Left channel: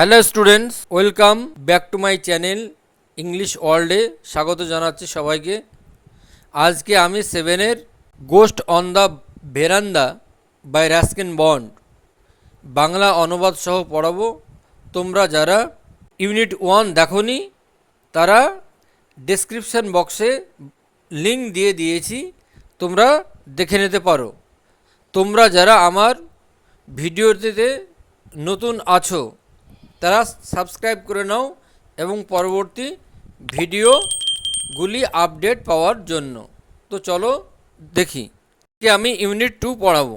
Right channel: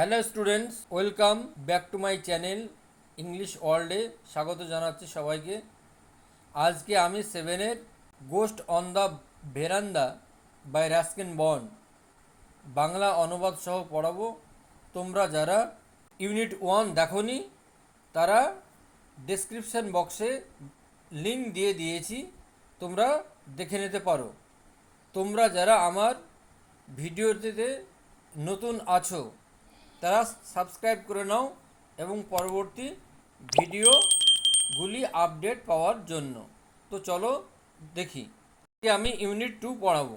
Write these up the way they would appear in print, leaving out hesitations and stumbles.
Hello students, welcome back to my channel English ওয়ার্ল্ডে স্বাগত জানাচ্ছি সবাইকে। আজকে আমি সেভেনের ghost on the verandah by Ruskin Bond Bangla অনুবাদ সহ পড়াবো। তোমরা যারা ইউনিট 1 দেখোনি তারা ডেসক্রিপশন বক্সে লিঙ্ক দিয়ে দিয়েছি, তোমরা দেখে নিতে পারো। তোমরা যারা আমার ভিডিওটিতে নতুন আছো তারা সাবস্ক্রাইব করে নাও এবং পরবর্তী ভিডিওগুলি আপডেট পাওয়ার জন্য। তো চলো দেখি, আমি ইউনিট 2 পড়াবো।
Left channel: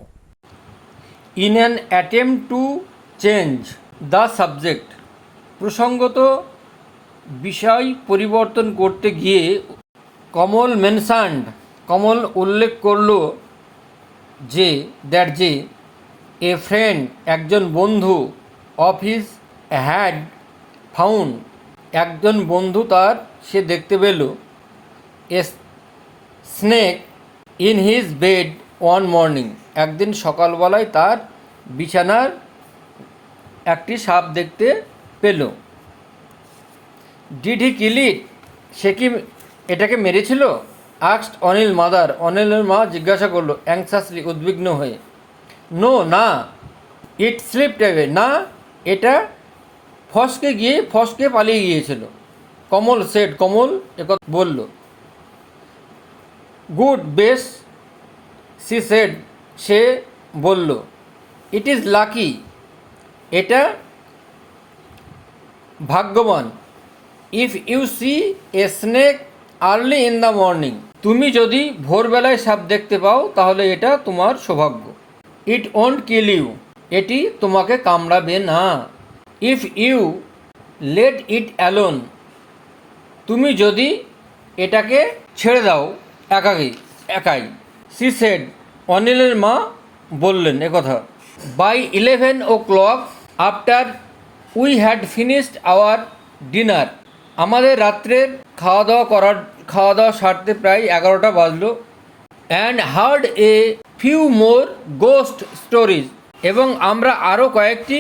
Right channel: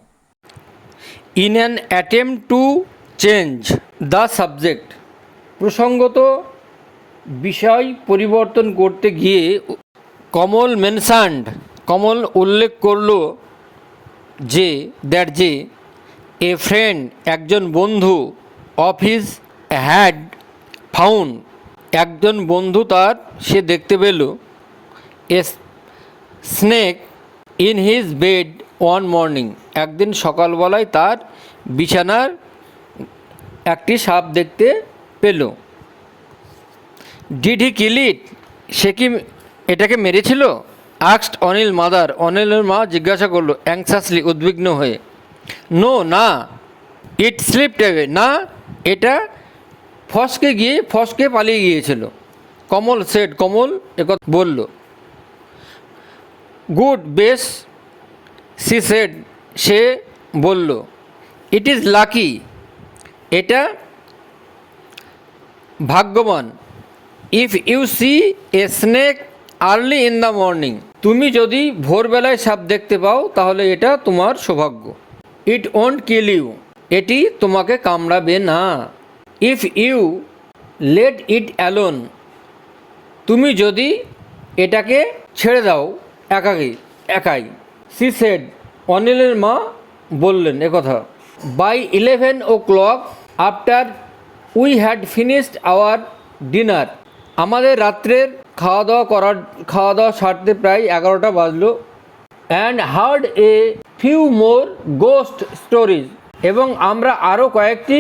In an attempt to change the subject, প্রসঙ্গত বিষয় পরিবর্তন করতে গিয়ে কমল উল্লেখ করলো যে এ ফ্রেন্ড একজন বন্ধু অফ হিজ হ্যাড ফাউন্ড একজন বন্ধু সে দেখতে পেল a snake in his bed one morning, একদিন সকালবেলায় তার বিছানার একটি সাপ দেখতে পেল। ডিড হি কিল ইট, সে কি এটাকে মেরেছিল? আস্কড অনিল মাদার, অনিলের মা জিজ্ঞাসা করলো অ্যাংসাসলি, উদ্বিগ্ন হয়ে। নো, না। ইট স্লিপড অ্যাওয়ে, না, এটা ফসকে পালিয়ে গিয়েছিল। কমল একথা বলল। গুড, বেশ, সে বলল। ইট ইজ লাকি, এটা ভাগ্যবান। If you see a snake early in the morning, তুমি যদি ভোরবেলায় সাপ দেখতে পাও তাহলে এটা তোমার সৌভাগ্য। ইট ওন্ট কিল ইউ, এটি তোমাকে কামড়াবে না। If you let it alone, তুমি যদি এটাকে ছেড়ে দাও একাই। সি সেড, অনিলের মা বললেন একথা। By 11 o'clock after we had finished our dinner, আমাদের রাত্রের খাওয়া দাওয়া সারতে প্রায় 11টা বাজলো। And heard a few more ghost stories, এবং আমরা আরও কয়েকটি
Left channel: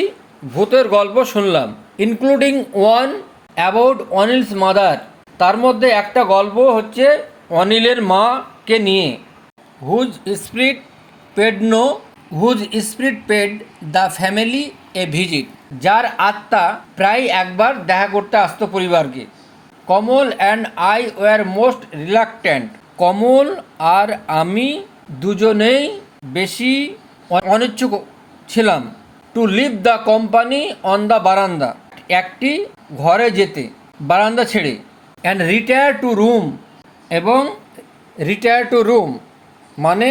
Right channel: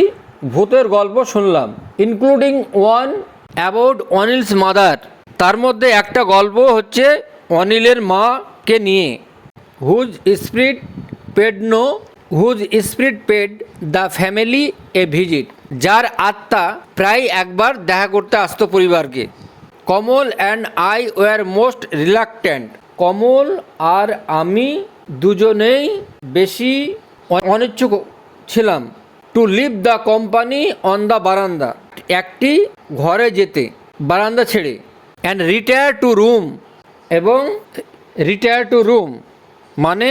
ভূতের গল্প শুনলাম। Including one about Anil's mother, তার মধ্যে একটা গল্প হচ্ছে অনিলের মাকে নিয়ে। Whose spirit paid the family a visit, যার আত্মা প্রায় একবার দেখা করতে আসতো পরিবারকে। Kamal and I were most reluctant, কমল আর আমি দুজনেই বেশি অনিচ্ছুক ছিলাম। To leave the company on the বারান্দা, একটি ঘরে যেতে বারান্দা ছেড়ে। অ্যান্ড রিটায়ার টু রুম মানে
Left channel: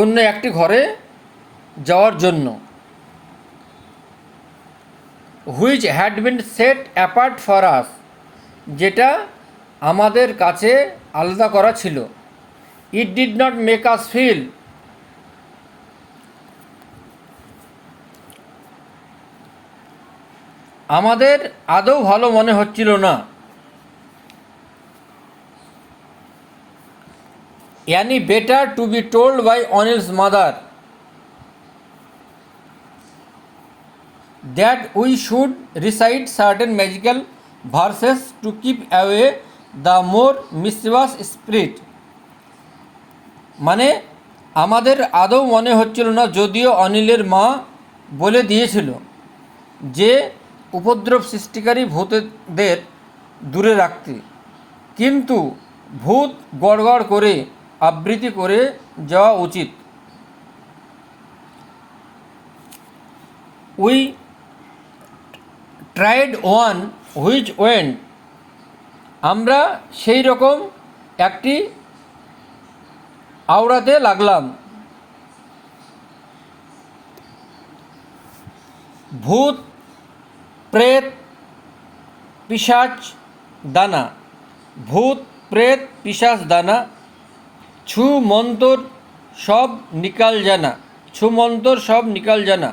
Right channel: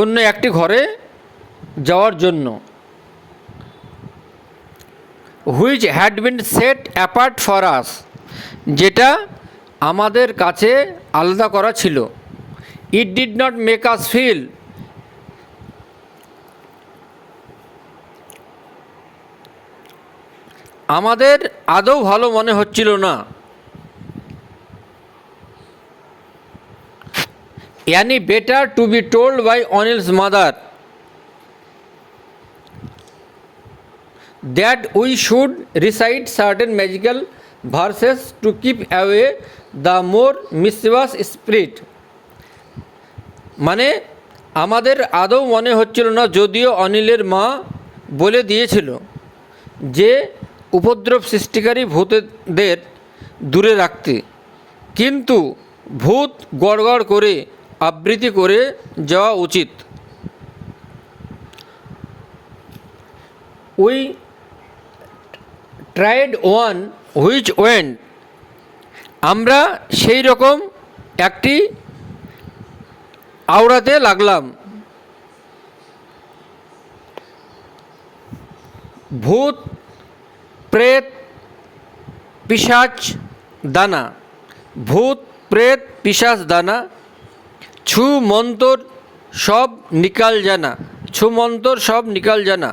অন্য একটি ঘরে যাওয়ার জন্য। Which had been set apart for us, যেটা আমাদের কাছে আলাদা করা ছিল। It did not make us feel, আমাদের আদৌ ভালো মনে হচ্ছিল না। Any better to be told by Anil's mother that we should recite certain magical verses to keep away the more mischievous spirit, মানে আমাদের আদৌ মনে হচ্ছিল না, যদিও অনিলের মা বলে দিয়েছিল যে উপদ্রব সৃষ্টিকারী ভূতদের দূরে রাখতে, কিন্তু ভূত গড়গড় করে আবৃত্তি করে যাওয়া উচিত। We tried one which went, আমরা সেই রকম একটি আওড়াতে লাগলাম। ভূত প্রেত পিশাচ দানা, ভূত প্রেত পিশাচ দানা। ছু মন্তর সব নিকাল জানা।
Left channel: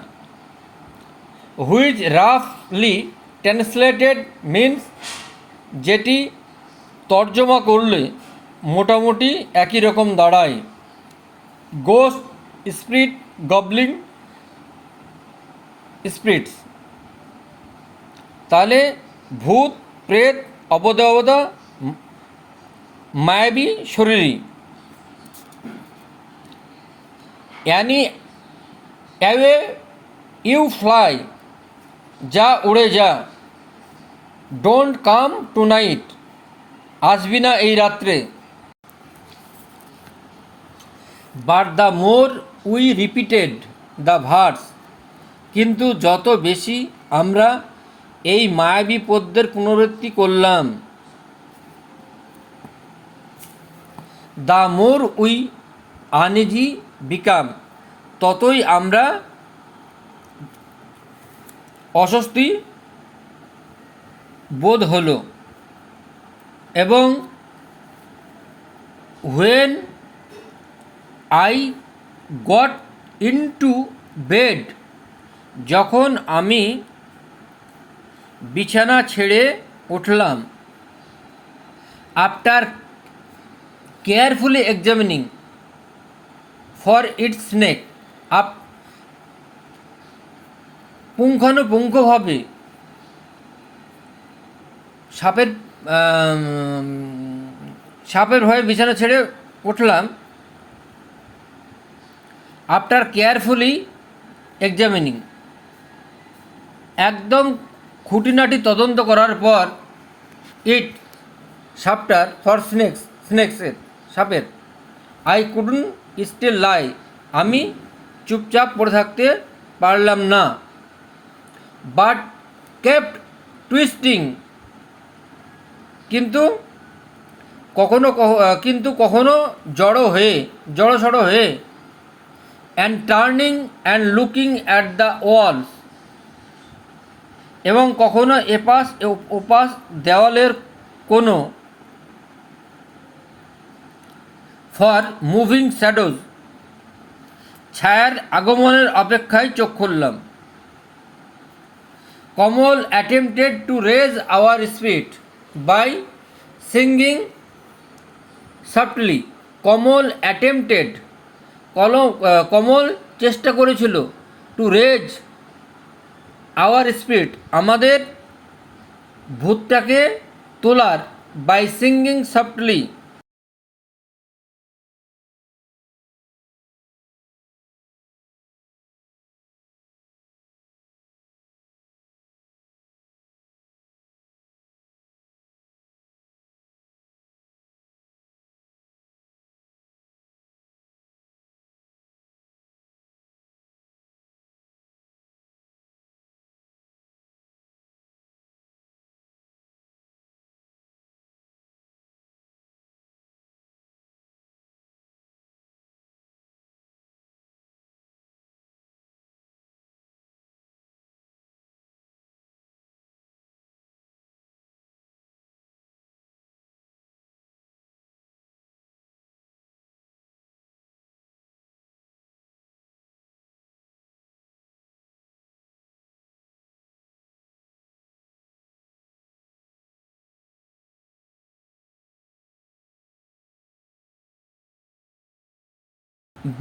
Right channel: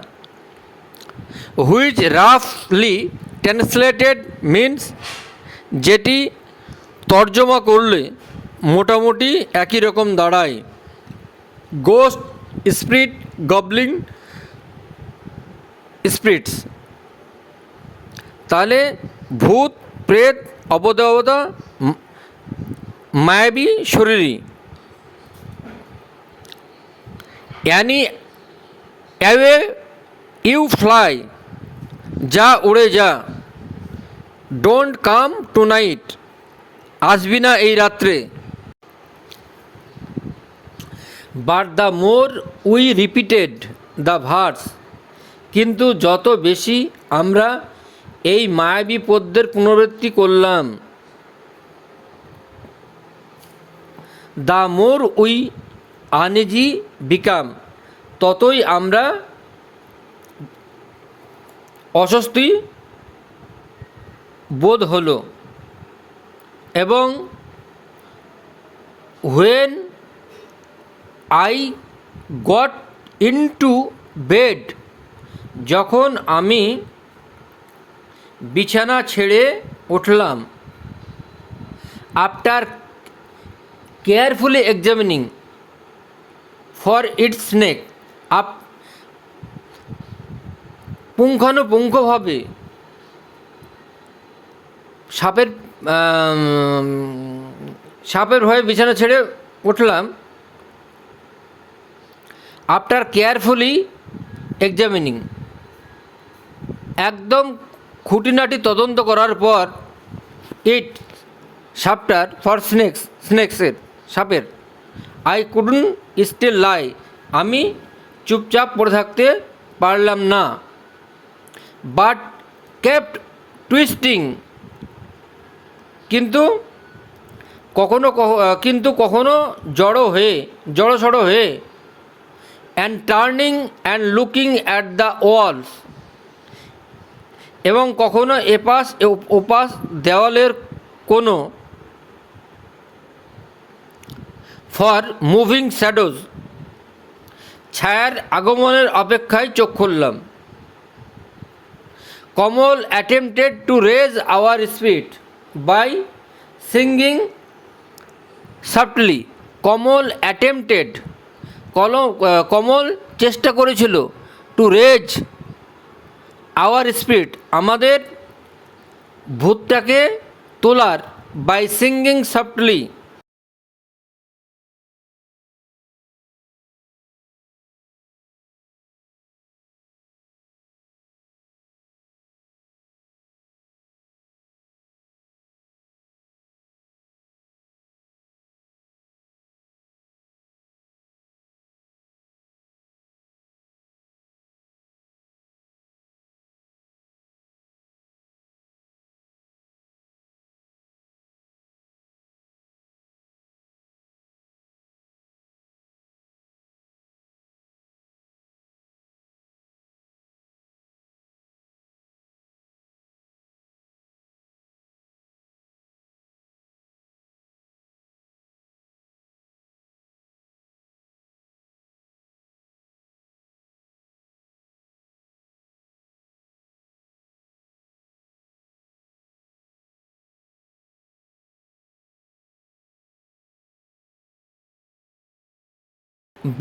হুইচ রাফলি ট্রান্সলেটেড মিন্স, যেটি তর্জমা করলে মোটামুটি একই রকম দাঁড়ায়। গোস্ট স্পিরিট গবলিং স্পিরিটস, তাহলে ভূত, প্রেত, অবদেবতা, মায়াবী শরীরী। অ্যানি অ্যাওয়ে ইউ ফ্লাই, যা উড়ে যা। ডোন্ট কাম টু নাইট, আসবি না এই রাত্রে। But the more we repeated the verse, কিন্তু যত বেশি আমরা এই মায়াবী পদ্যের পুনরাবৃত্তি করলাম, the more we uneasy become, ততই আমরা অস্বস্তি বোধ হলো। এবং when I got into bed, যখন আমি বিছানা ছেড়ে উঠলাম, after carefully examining for its snake, পুঙ্খানুপুঙ্খভাবে সাপের ভয়ে বিছানা ছেড়ে উঠলাম। আফটার কেয়ারফুলি এক্সামিনিং, একদম খুঁটিনাটি তদন্ত করার পর, ইট সাপটার ফর স্নেক্সের সাপের, আই কুডন্ট স্টিল লাই, আমি চুপচাপ পড়ে থাকতে পারলাম না। বাট কেপ্ট টুইস্টিং, কিন্তু কখনো জড়সড় হয়ে, and turning and looking at the walls, এবং কখনো এপাশ ওপাশ দেওয়ালের কোনো, ফর মুভিং শ্যাডোজ, ছায়ার আগমনের অপেক্ষায় চোখ খুললাম। Kamal attempted to raise our spirit by singing softly, Kamal attempted, Kamal চেষ্টা করেছিল, টু রেজ আওয়ার স্পিরিট, আমাদের ভূতটাকে তোলার, by singing softly,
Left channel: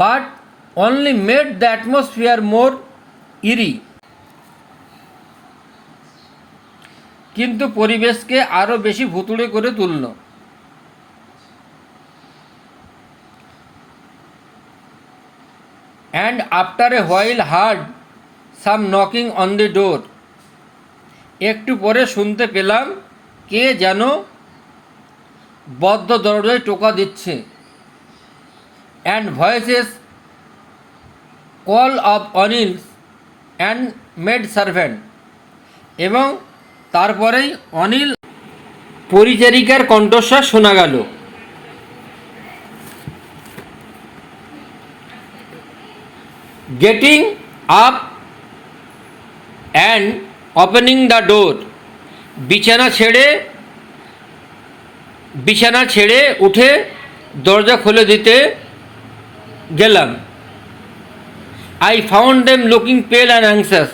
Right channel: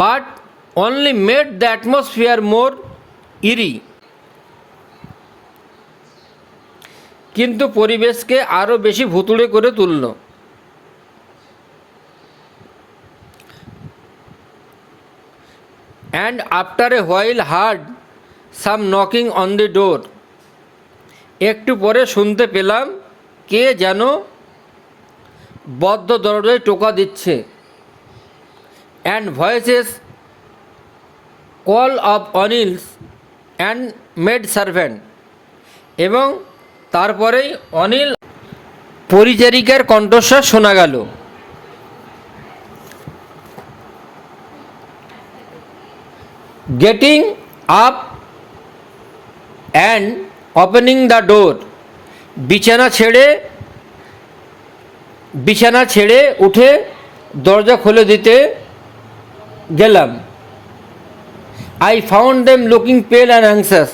but only made the atmosphere more eerie, কিন্তু পরিবেশকে আরও বেশি ভুতুড়ে করে তুলল। and after a while heard some knocking on the door, একটু পরে শুনতে পেলাম কে যেন বদ্ধ দরজায় টোকা দিচ্ছে। and voices call of Anil's and maid servant, এবং তারপরেই অনিল পরিচারিকার কণ্ঠস্বর শোনা গেল। Getting up and opening the door, বিছানা ছেড়ে উঠে দরজা খুলে দিতে গেলাম। I found them looking pale and anxious,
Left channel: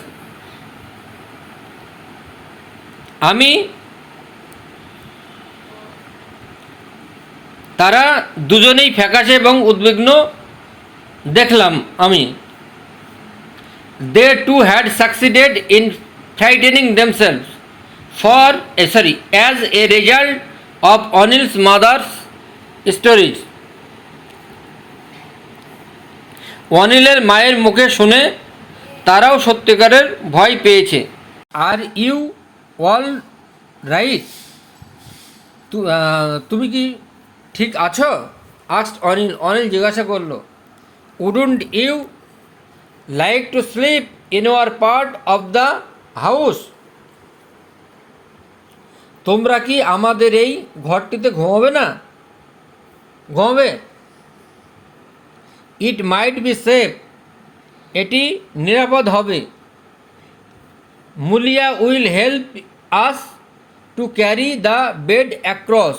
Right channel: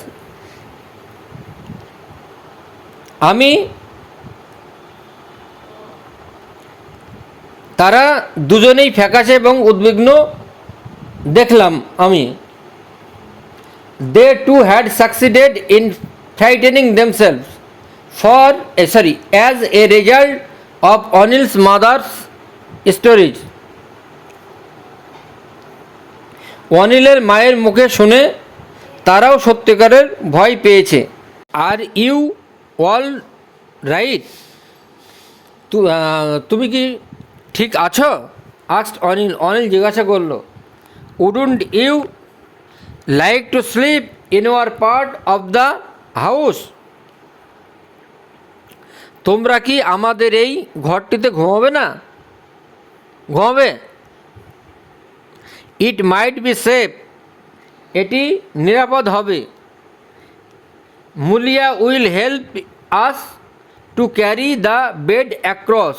তারা দুজনেই ফ্যাকাশে এবং উদ্বিগ্ন দেখলাম আমি। They too had succeeded in frightening themselves, as a result of Anil's mother's stories. অনিলের মায়ের মুখে শুনে তারাও সত্যিকারের ভয় পেয়েছে। Are you all right? তুমি কি ঠিক আছো? আস্কড অনিল। অনিল জিজ্ঞাসা করলো, wouldn't you like to sleep in our part of the house? তোমরা কি আমাদের এই ঘরটিতে ঘুমাবে না? ঘুমাবে? ইট মাইট বি সেফ, এটি নিরাপদ হবে। Mulia will help us to carry the bed across,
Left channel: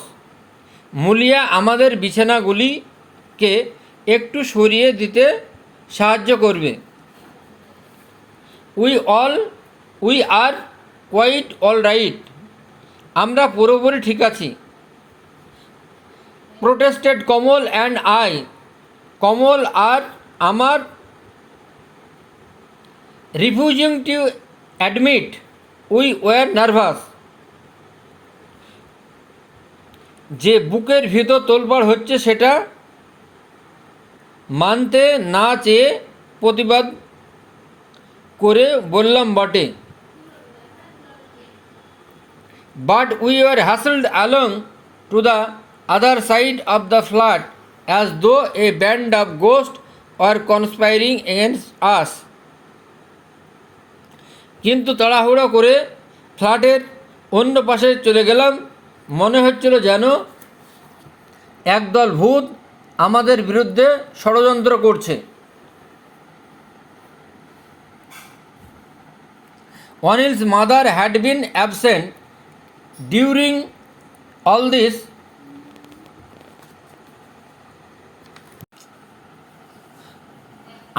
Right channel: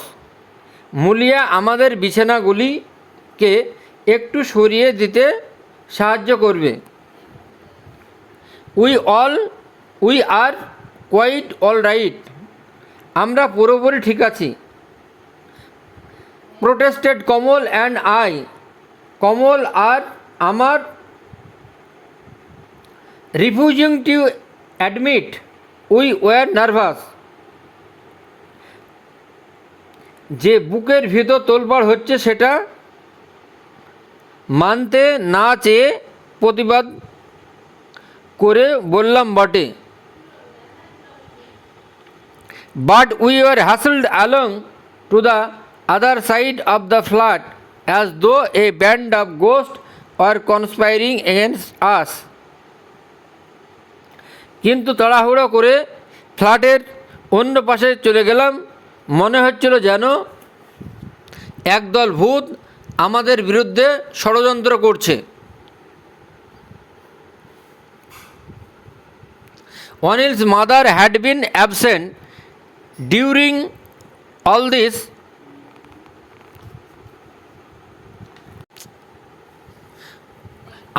Mulia আমাদের বিছানাগুলিকে একটু সরিয়ে দিতে সাহায্য করবে। We are quite all right, আমরা পুরোপুরি ঠিক আছি। Protested Kamal and I, Kamal আর আমার refusing to admit we were nervous, যে বুকের ভিতর তোলপাড় হচ্ছে সেটা মানতে না চেয়ে প্রতিবাদ করে বললাম বটে। But we were hustled along to the other side of the flat as though a band of গোস্ট আর কনস্পায়ারিং এগেনস্ট আস, কিন্তু তাড়াহুড়ো করে ফ্ল্যাটের অন্য পাশে চলে গেলাম। মনে হচ্ছিল যেন একদল ভূত আমাদের বিরুদ্ধে ষড়যন্ত্র করছে। Anil's mother had been absent during all this.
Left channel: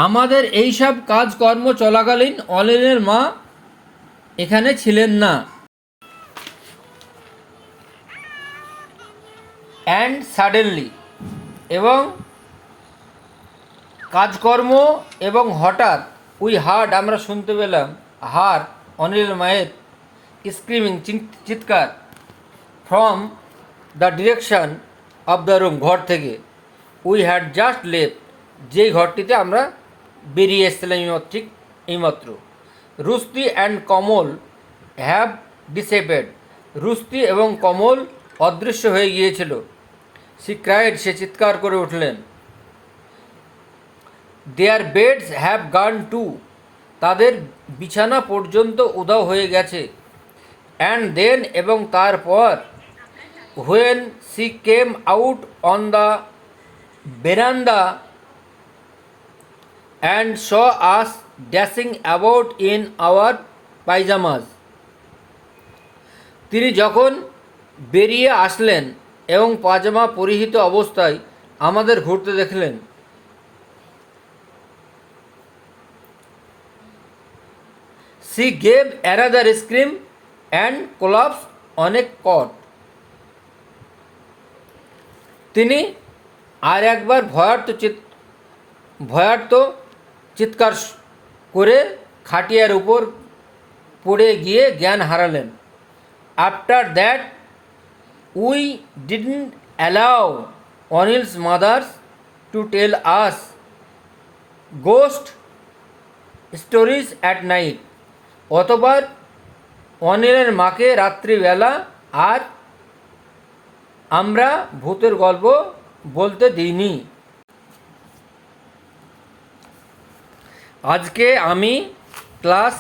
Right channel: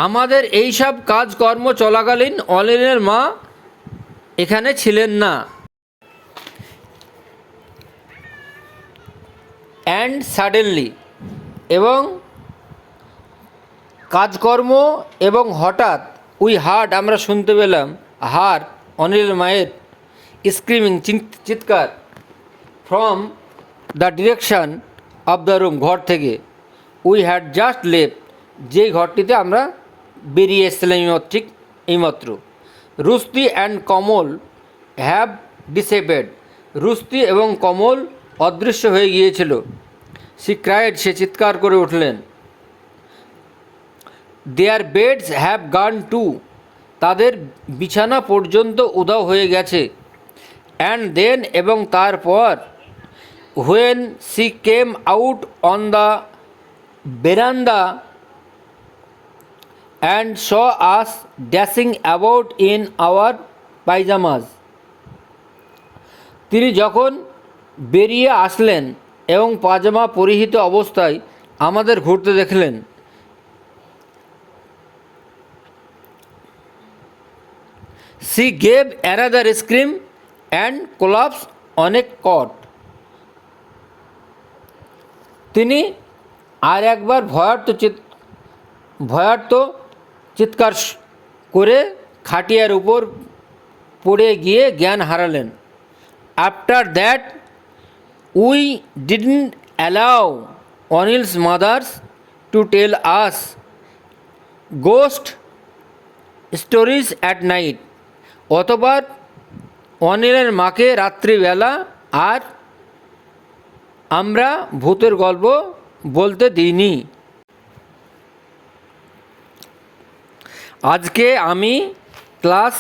আমাদের এইসব কাজকর্ম চলাকালীন অনিলের মা এখানে ছিলেন না। অ্যান্ড সাডেনলি, এবং কাজকর্ম এবং হঠাৎ, উই হার্ড আমরা শুনতে পেলাম, হার অনিলের মায়ের স্ক্রিমিং চিৎকার, from the direction of the room, ঘর থেকে। উই হ্যাড জাস্ট লেফট, যেই ঘরটিতে আমরা বেরিয়ে এসেছিলাম ঠিক এইমাত্র। Rushdie and Kamal have disappeared, Rushdie এবং কমল অদৃশ্য হয়ে গিয়েছিল। সি ক্রাইড, সে চিৎকার করে উঠলেন। দেয়ার বেডস হ্যাভ গান টু, তাদের বিছানা পর্যন্ত উধাও হয়ে গেছে। অ্যান্ড দেন, এবং তারপর, when she came out on the veranda and saw us dashing about in our pyjamas, তিনি যখন বেরিয়ে আসলেন এবং পাজামা পরিহিত অবস্থায় আমাদের ঘুরতে দেখলেন। She gave another scream and collapse on a cot, তিনি আর একবার ভয়ার্ত চিৎকার করে খাটিয়ার উপর পড়ে গিয়ে জ্ঞান হারালেন। After that we didn't allow Anil's mother's to tell us ghost stories at night, অতবার অনিলের মাকে রাত্রিবেলা আর আমরা ভূতের গল্প বলতে দিইনি। আজকে আমি ক্লাস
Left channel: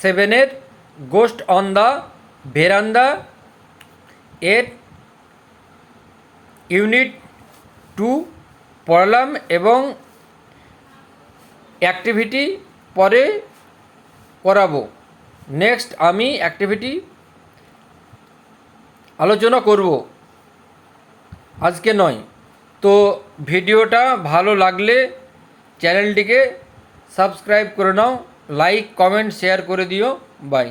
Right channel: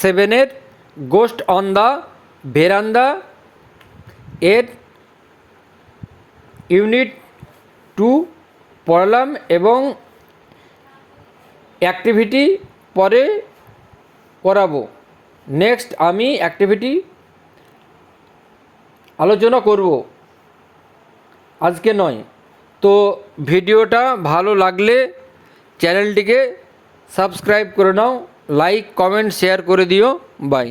7-এর গোস্ট অন দ্য ভেরান্দা এর ইউনিট 2 পড়লাম এবং অ্যাক্টিভিটি পরে করাবো। নেক্সট আমি অ্যাক্টিভিটি আলোচনা করব, আজকে নয়। তো ভিডিওটা ভালো লাগলে চ্যানেলটিকে সাবস্ক্রাইব করে নাও, লাইক কমেন্ট শেয়ার করে দিও। বাই।